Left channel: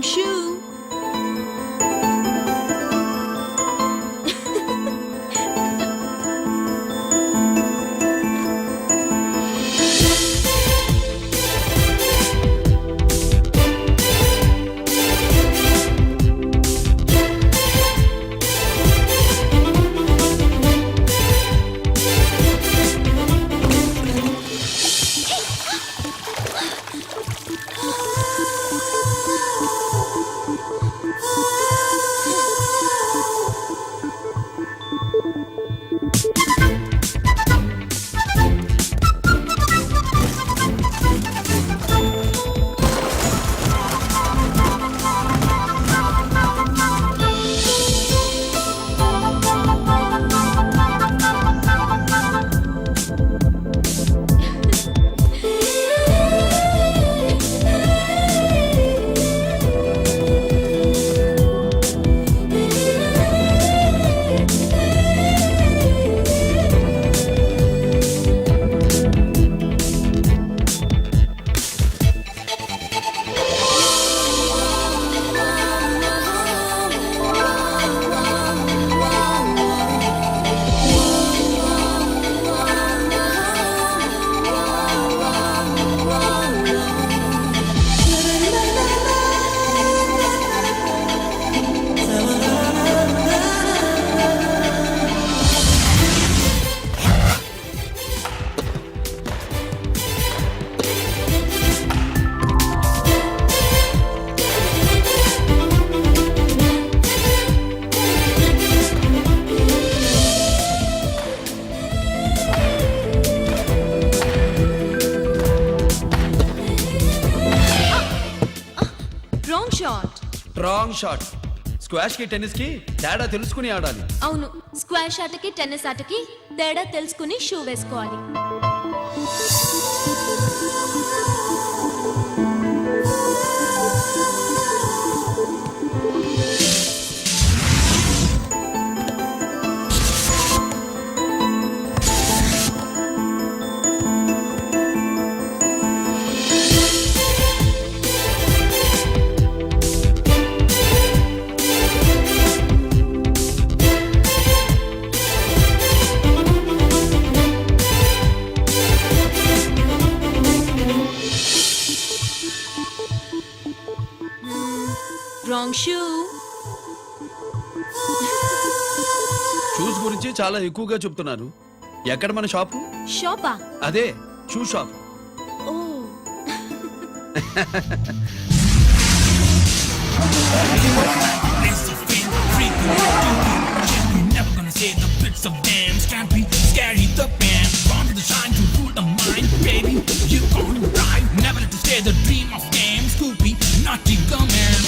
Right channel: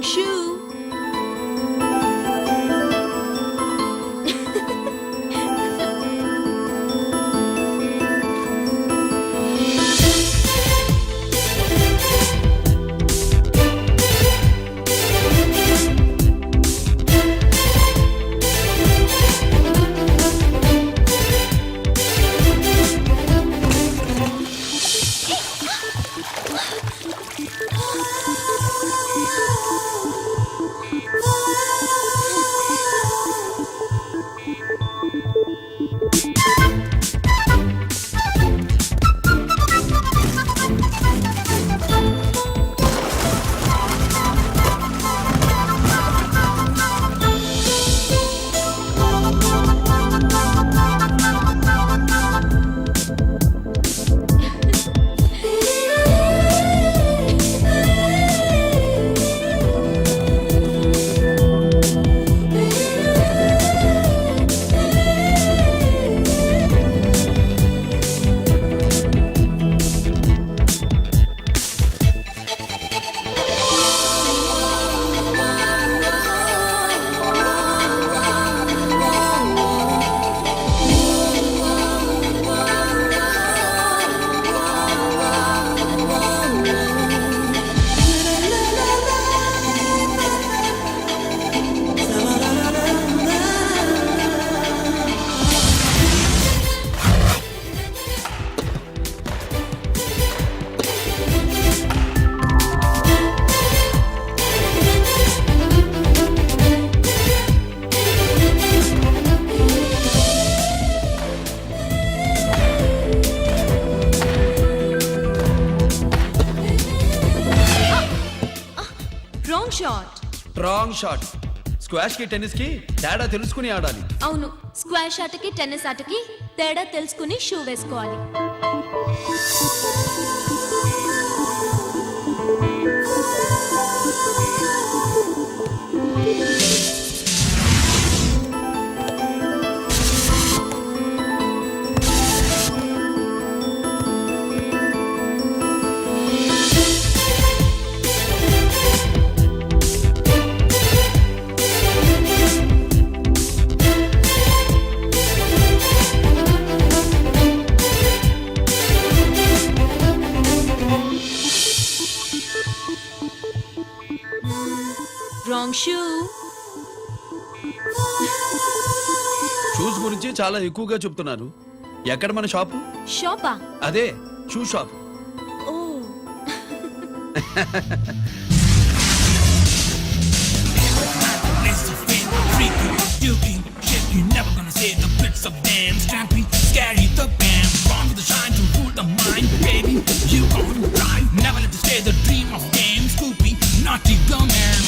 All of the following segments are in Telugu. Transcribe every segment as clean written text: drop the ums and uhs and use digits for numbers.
Wrong shoe. Wrong shot. Wrong shot. Squash కి టెన్నిస్ కి తేడా తెలుసుకుని ఆడాలి. అవును, స్క్వాష్ ఆటకి టెన్నిస్ ఆటకి తేడా తెలుసుకుని షూ వేసుకోవాలి. Wrong shoe. షూస్ గురించి చాలా ఎక్కువగా చెప్తున్నారు. ఎక్కడ మన షాపు? షాపా? అదే shoe shop. Oh. Never gonna say the bits of damn scrappy, scary the band. From the shine to rule the mind, baby. You gon' die. Never let you scare the dream of game. Scoopy, naughty girl man.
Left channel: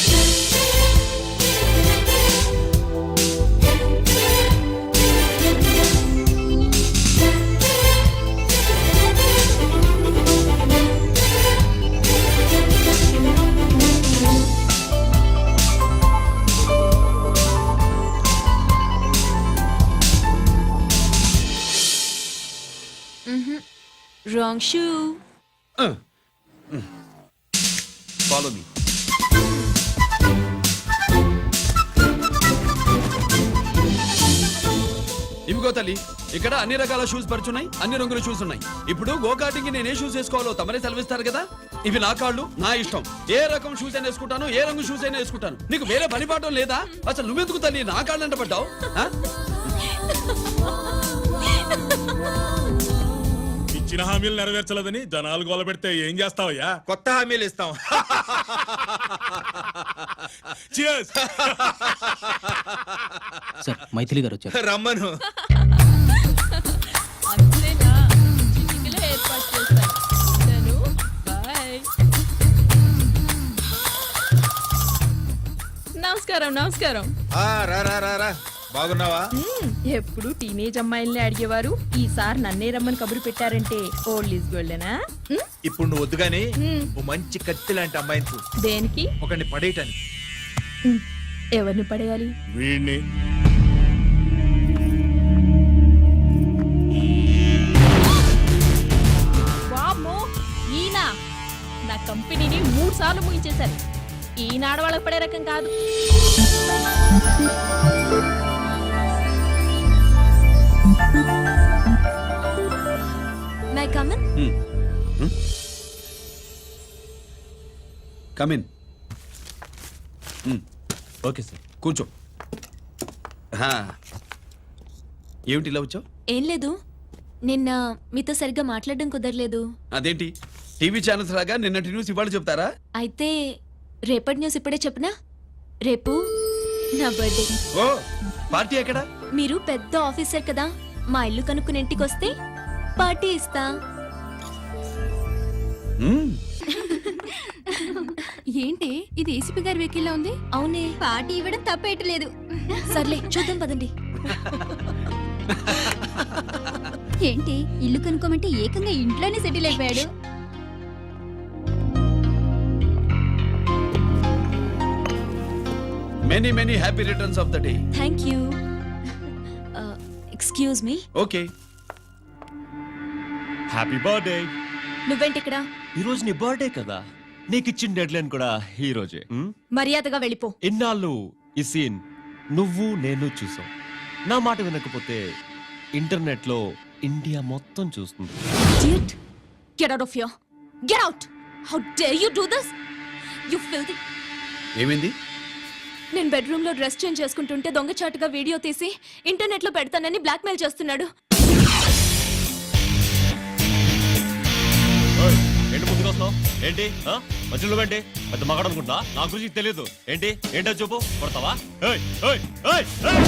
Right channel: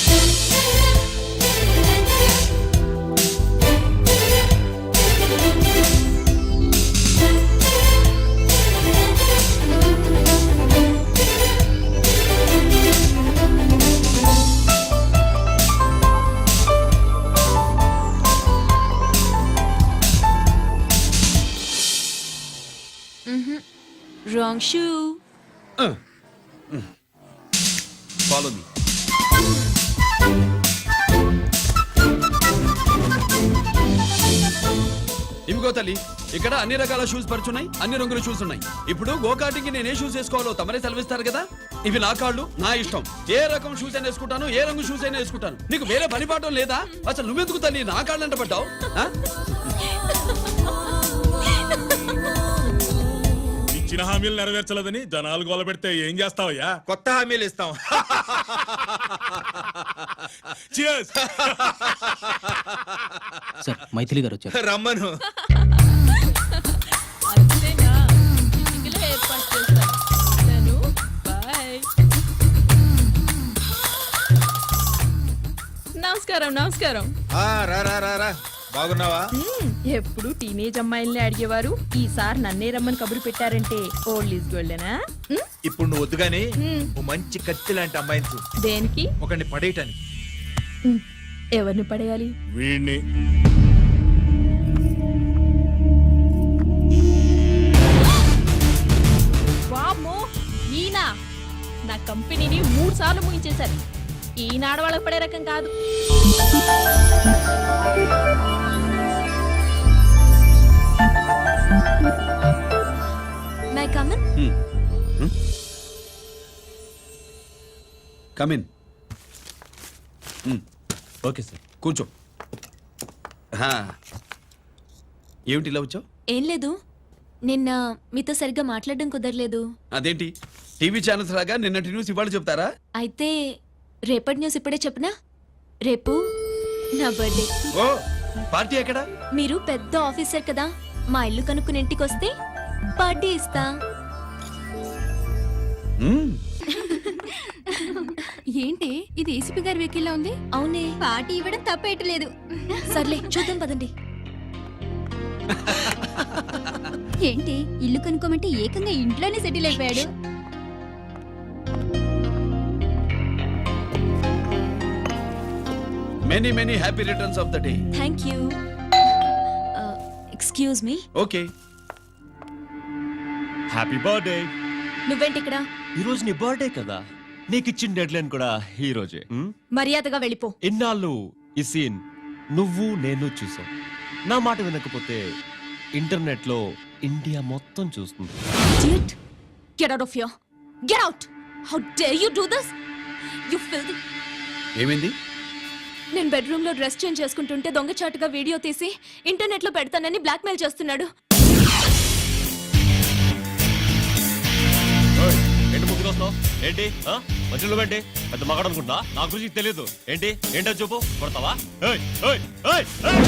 Wrong shoe. Follow me. ఇవిగో తల్లి, ఇక్కడ అన్ని రకాల షూస్ పరుచున్నాయి, అన్ని రంగుల షూస్ ఉన్నాయి. ఇప్పుడు గోకాటింగ్ నేను ఏ షూస్ వేసుకోవాలో తమరే సెలవిస్తారు కదా. ఇవి నా కాళ్ళు, నా ఇష్టం. ఏ రకం షూస్ అయినా వేసుకుంటాను, ఏ రంగు షూస్ అయినా వేసుకుంటాను. నీకు వేరే పని పాఠం లేదా? అసలు నువ్వెందుకు తల్లి నా కాళ్ళు అంట పడ్డావు? ఇచ్చిన హామీలు నెరవేర్చలేదని జనాలు గోల పెడితే ఏం చేస్తావయ్యా? కొత్త హామీలు ఇస్తాం. Cheers! సార్ మైథిలి గారు వచ్చారు. రమ్మను. అంతేనా? చిటికలో ఏర్పాటు చేస్తాను. బాయ్. నమస్కారం. నమస్కారం. రా రా రా రా. బాగున్నావా? ఎప్పుడు టీనేజ్ అమ్మాయిల్ని అడిగేవారు, ఈసారి నన్నే రమ్మని కబురు పెట్టారంటే ఓల్డ్ ఈజ్ గోల్డేనా? ఇప్పుడు నువ్వు వద్దుగానే ఓ మంచి కత్తి లాంటి అమ్మాయిని చూడు. దేనికి? ఒకరిని పడేయటానికి. ఎవరిని పడేయాలి? వీణ్ణి. వామ్మో, ఈయన నా కంపెనీని 3 సార్లు ముగించేశారు. ఈనాడు వాళ్ళకి పడే రకం కాదు. My come on. Come in. Okay sir. కూర్చో. హా. ఏమిటి ఇలా వచ్చావు? ఏం లేదు, నిన్న మీతో సరిగ్గా మాట్లాడడం కుదరలేదు. అదేంటి టీవీ ఛానల్స్ లాగా నిన్నటి న్యూస్ ఇవాళ చెప్తారా? అయితే రేపటి న్యూస్ ఇప్పుడే చెప్పనా? రేపు నా బర్త్డే. ఓ పార్టీ ఎక్కడ? మీరు పెద్ద ఆఫీసర్ కదా, మా ఇల్లు కనుక్కుని ఇంటికి వస్తే పార్టీ ఇస్తా. మ్మ్. ఏంటి ఇది ఏసీపీ గారి వెహికల్లా ఉంది? అవునే, పార్టీ ఇవ్వడం తప్పేయట్లేదు. సర్లే చూద్దాం పదండి. ఏంటి ఇల్లు కనుక్కోమంటే ఏకంగా ఇంట్లోనే సెటిల్ అయిపోయాడు. Many many happy returns of the day. Thank you. Excuse me. Okay. Happy birthday. నువ్వేంటి ఇక్కడ? ఈ రోజు నీ బర్త్డే కదా, నీకు ఇచ్చిన డెడ్ లైన్ కూడా ఈ రోజే. మర్యాదగా వెళ్ళిపో. ఇన్నాళ్ళు ఈ సీన్ నువ్వు నేను చూసాం. నా మాట వినకపోతే ఇంటర్నెట్ లో ఇండియా మొత్తం చూస్తుంది. Idiot! Get out of here. Get out! How dare you do this? You filthy. ఏమైంది? నేను బెడ్రూమ్ లో డ్రెస్ చేంజ్ చేసుకుంటుంటే దొంగచాటుగా వీడియో తీసి ఇంటర్నెట్ లో పెడతానని బ్లాక్మెయిల్ చేస్తున్నాడు. ఏంటి ముందుకు వస్తున్నావు? ఏంటి మధ్యలో ఏంటి? పెద్ద మగాడు అనుకుంటా, నా గురించి తెలియదు. ఏంటి ఏంటో చూపు, కొడతావా? ఏయ్, ఏయ్, ఏయ్, ఏయ్!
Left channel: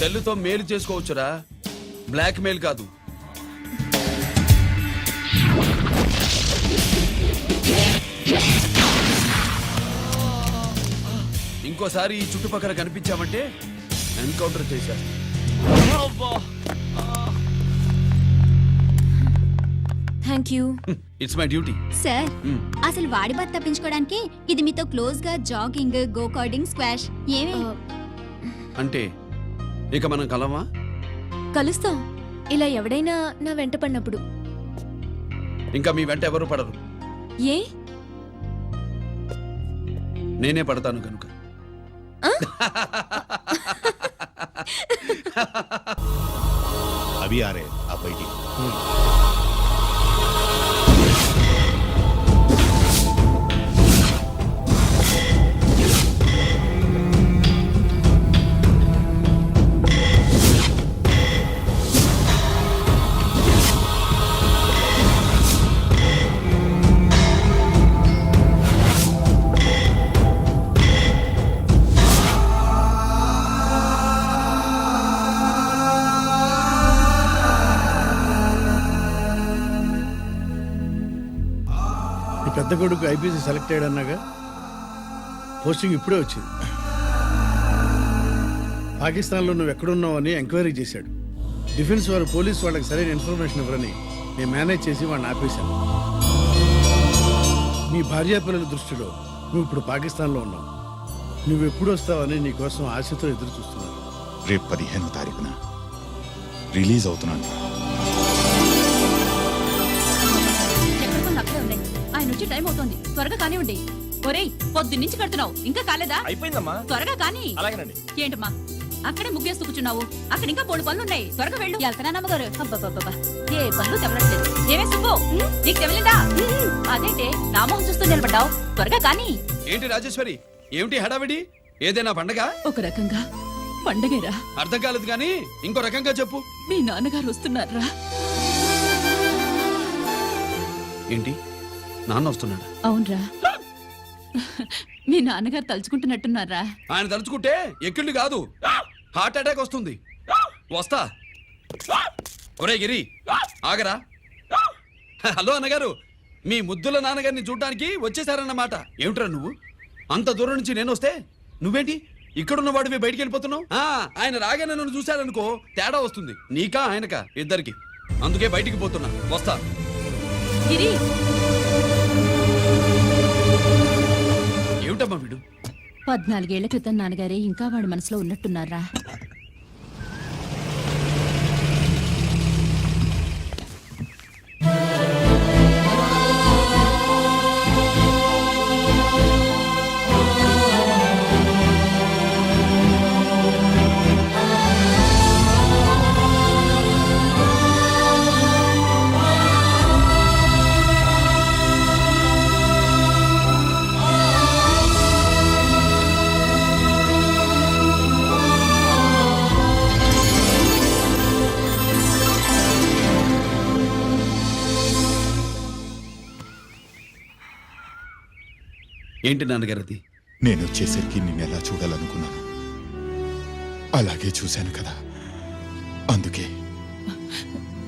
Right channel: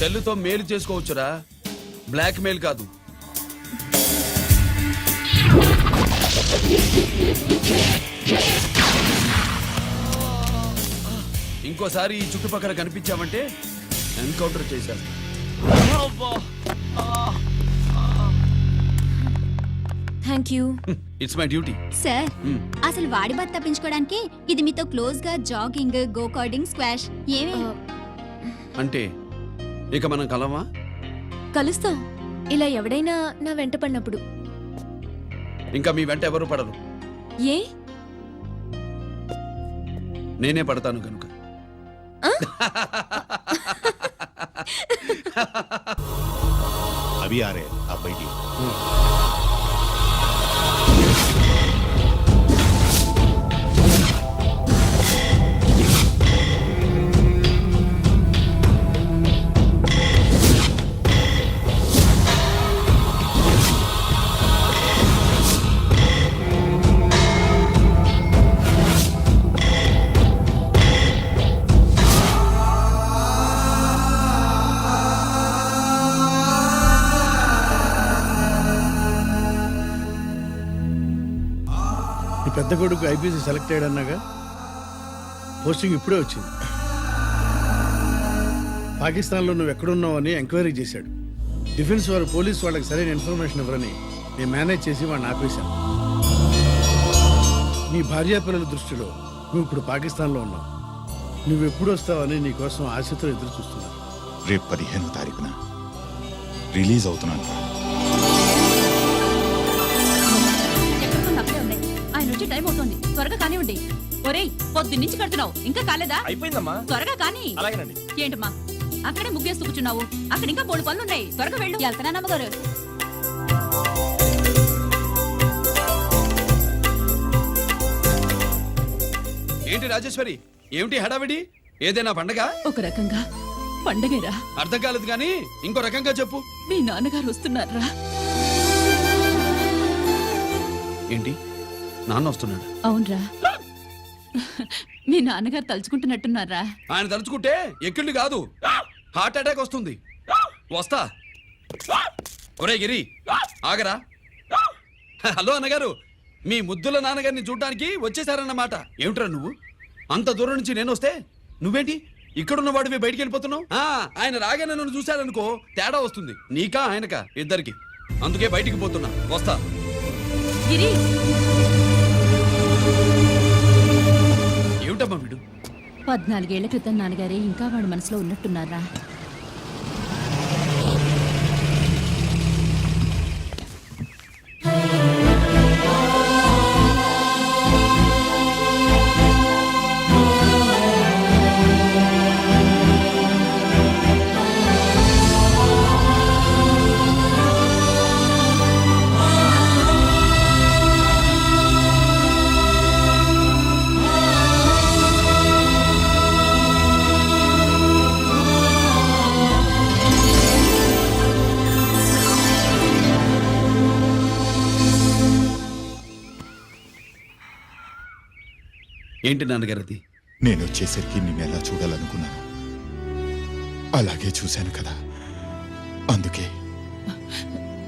సెల్లుతో మేలు చేసుకోవచ్చురా, బ్లాక్ మెయిల్ కాదు. ఇంకోసారి ఈ చుట్టుపక్కల కనిపించామంటే ఎన్కౌంటర్ చేసేస్తా. Thank you. It's my duty. Sir అసలు వాడి బాధ తప్పించుకోవడానికి ఇది మీతో క్లోజ్ గా జాగింగ్, గో కార్డింగ్, స్క్వాష్ ఏమే? అంటే ఇక మనం కలవా? కలుస్తాం, ఇలా ఎవడైనా నా వెంట పడినప్పుడు. ఇంకా మీ వెంట ఎవరు పడరు, ఏ? నేనే పడతాను కనుక. अभी आ रहे हैं, आप बैठिए। ఈ పెద్ద కొడుకు ఐపీసీ సెలెక్ట్ అయ్యాడన్నాగా, పోస్టింగ్ ఇప్పుడే వచ్చింది. పాకిస్తాన్లో నువ్వు ఎక్కడున్నావు అని ఎంక్వైరీ చేశాడు. డిఫెన్స్ వారు పోలీసు వాళ్ళకి సరైన ఇన్ఫర్మేషన్ ఇవ్వరని నేను మేనేజ్ చేసి వాడిని ఆపేశాను. నీ భార్యాపిల్లల దృష్టిలో నువ్వు ఇప్పుడు పాకిస్తాన్లో ఉన్నావు. నువ్వు ఎప్పుడు వస్తావని నీ కోసం ఆశతో ఎదురు చూస్తున్నారు. రేపు 15వ తారీఖున రిలీజ్ అవుతున్నాను రా. అక్కడే ఉన్నాయి. ఆయన వచ్చి టైం అవుతోంది, త్వరగా కానివ్వండి. ఒరేయ్, పొద్దున్నుంచి కడుతున్నావు, ఇంకా కాలేదా? అయిపోయిందమ్మా. త్వరగా కానీ. అలాగేనండి. ఏంటమ్మా అక్కడే ముగ్గేస్తూ కూర్చున్నావు? అక్కడ ఇంకా 3 పనులు ఉన్నాయి, త్వరగా వెళ్ళు. వెళ్తానా నమ్మగారు? ఏ పనులు తెవలేదు. ఏమే సుబ్బు, నీకు తెవలేదా? అదేంటే నా మొహం చూస్తూ నిలబడ్డావు, త్వరగా కానీ. ఏంటి రాజేశ్వరి, ఏమిటి హడావిడి? ఏదైనా పండగ? ఒక రకంగా పండగేరా. అర్థం కాలేదు కానీ ఇంకో రకంగా చెప్పు. మీ నాన్నగారు వస్తున్నారా? ఏంటి, నాన్న వస్తున్నాడా? అవునరా, మీ నాన్నగారు తలుచుకుంటున్నట్టున్నారా? ఆయన తలుచుకుంటే ఎక్కిళ్ళు కాదు, హార్ట్ అటాక్ వస్తుంది. వస్తా. ఒరే గిరి, ఆగరా. హలో అన్నగారు, మీ ముద్దుల నాన్నగారిని చూడ్డానికి వచ్చేసారన్నమాట. ఏమిట్రా నువ్వు, అంత దూరం నుంచి నేను వస్తే నువ్వేంటి ఇక్కడున్న వాడివి బయటికి వెళ్ళిపోతున్నావు? ఆయన రాగానే నన్ను చూశాడనుకో తేడా వస్తుంది, నీకా ఆయనకా ఇద్దరికి. అందుకే బయటికి పోతున్నా, వస్తా. గిరి, ఏమిటమ్మా వీడు 14 ఏళ్ల క్రితం నాన్నగారే ఇంకా వాడి మనసులో ఉన్నట్టున్నారా? ఏంటి నాన్నగారు అది? నేను వచ్చేసరికి నిన్ను ఎలా చూడాలనుకున్నాను అలాగే చూశాను కదా, అందుకే.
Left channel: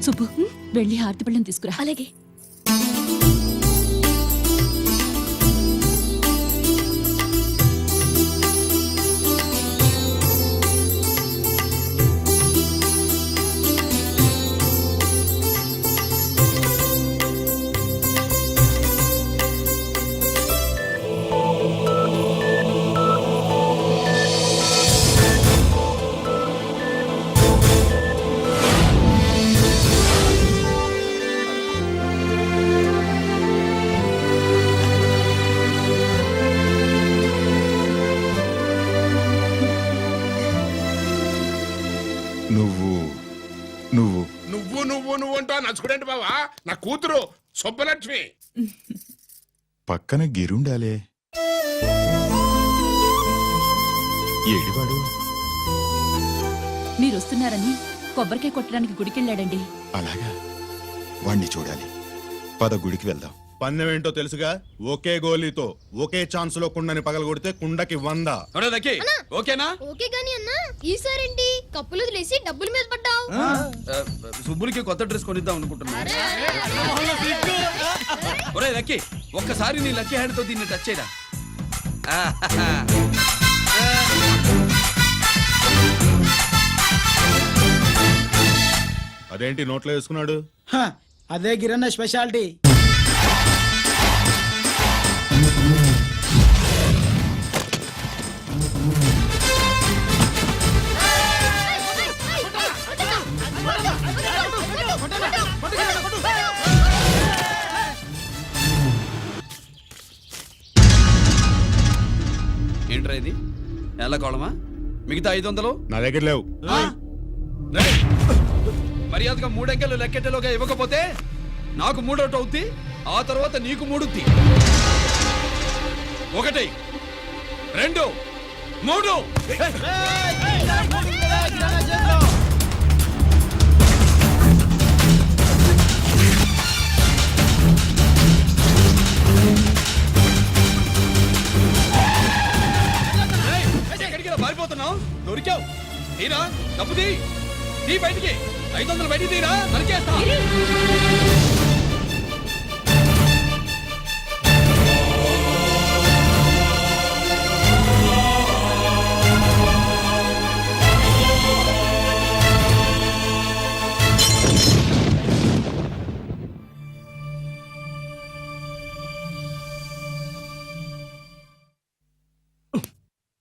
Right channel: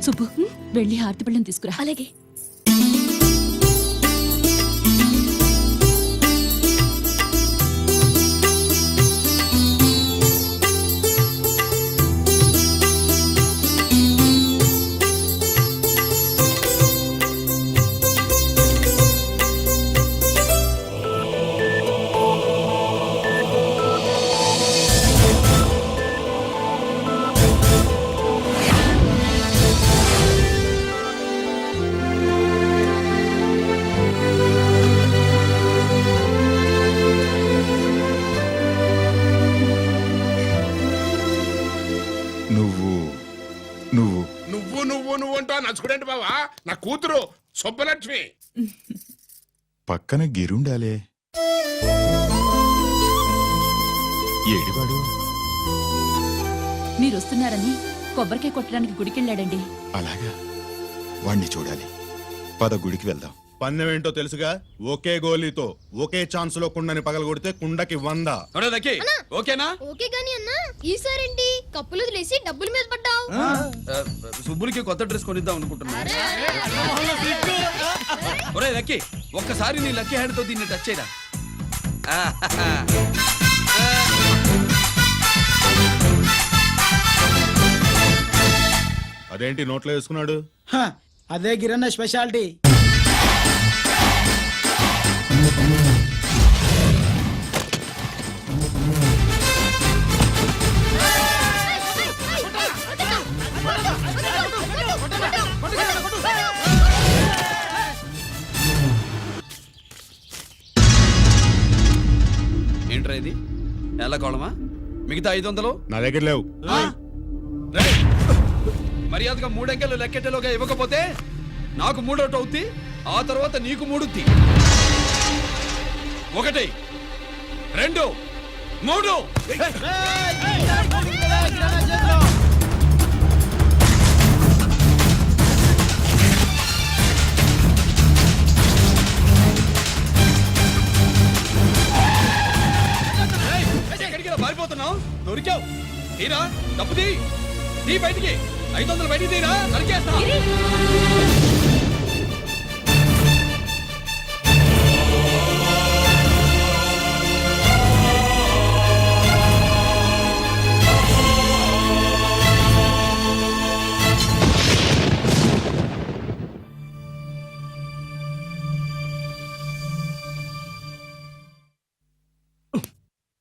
సుబ్బు, వెళ్ళి హారతి పళ్ళని తీసుకురా. అలాగే. నువ్వు నువ్వు నువ్వు నువ్వు నువ్వు అంటా నచ్చుకునేంటి బావా? నా కూతురు సుబ్బలక్ష్మి. పక్కన గిరుండాలే. ఏడివాడు? మీరు వస్తున్నారని కొబ్బరికాయ కొట్టడానికి గుడికెళ్ళాడండి. అలాగా, వాణ్ణి చూడాలి. పద గుడికి వెళ్దాం. పందెం ఏంటో తెలుసుగా, ఒకే గోలీతో ఒకే ఛాన్స్ లో కుండని పగలగొడితే కుండకి 100. ఒరే లక్కీ, ఓకేనా? ఓకే గాని అన్నా, ఈసారేంటి కప్పులు వదిలేసి డబ్బుల మీద పడ్డావు? సుబ్బులకి కొత్త డ్రెస్ కొనిద్దాం అనుకుంటున్నా. ఒరే లక్కీ, ఒక్కసారి నీ లక్కీ హ్యాండ్ తో దీన్ని టచ్ చేయరా. అదేంటి నోట్లో వేసుకున్నాడు? అదే గిరన్న స్పెషాలిటీ. ఏంట్రా ఇది? ఎలా కోళమా? మిగతా 500 నా దగ్గర లేవు. రేయ్! మర్యాదగా 3 అంకెలు లెక్కెట్టేలోగా ఇవ్వకపోతే నాకు 3 అవుద్ది, ఆ తర్వాత నీకు 3. 1 2 3. ఎక్కడికి పారిపోతున్నావు? దొరికావు. తీరా డబ్బు తీ బయటికి. 500 బయటికి తీరా, నరికేస్తా.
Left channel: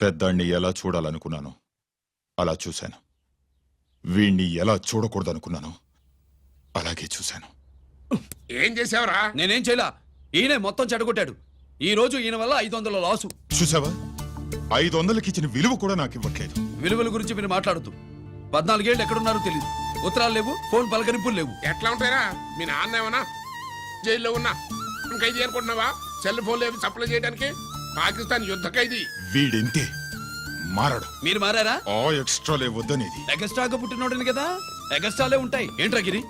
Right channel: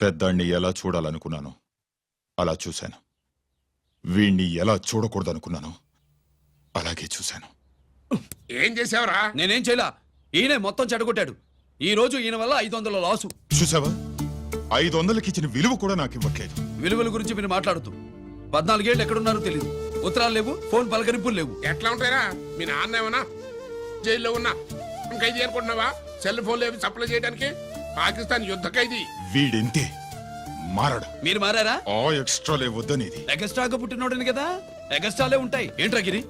పెద్దాన్ని ఎలా చూడాలనుకున్నాను అలా చూశాను. వీణ్ణి ఎలా చూడకూడదనుకున్నాను అలాగే చూశాను. ఏం చేసావురా? నేనేం చేయలా, ఈయనే మొత్తం చెడగొట్టాడు. ఈ రోజు ఈయన వల్ల 500 లాసు. చూసావా, 500కి ఇచ్చిన విలువ కూడా నాకు ఇవ్వట్లేదు. విలువల గురించి మీరు మాట్లాడుతూ 14 ఏళ్ళు ఎక్కడున్నారో తెలియదు. ఉత్తరాలు లేవు, ఫోన్ పలకరింపులు లేవు. ఎట్లా ఉంటారా? మీ నాన్న ఏమన్నా జైల్లో ఉన్నా ఖైదీ అనుకుంటున్నావా? సెల్ ఫోన్ లేవి సప్లై చేయడానికి? పాకిస్తాన్ యుద్ధ ఖైదీ. వీడింతే, మారడు. మీరు మారారా? ఆ ఎక్స్ట్రాలే వద్దనేది. ఎగస్ట్రాగా పుట్టినోడని కదా, ఎగస్ట్రాలే ఉంటాయి. ఏంట్రా గిరి,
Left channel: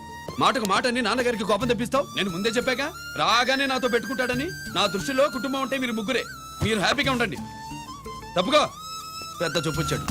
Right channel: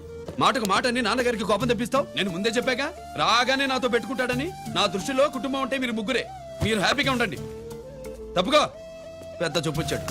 మాటకు మాట అని నాన్నగారికి కోపం తెప్పిస్తావు? నేను ముందే చెప్పాక రాగానే నాతో పెట్టుకుంటాడని. నా దృష్టిలో కుటుంబం అంటే మీరు ముగ్గురే. మీరు హ్యాపీగా ఉండండి. తప్పుగా పెద్ద చూపొచ్చాడు.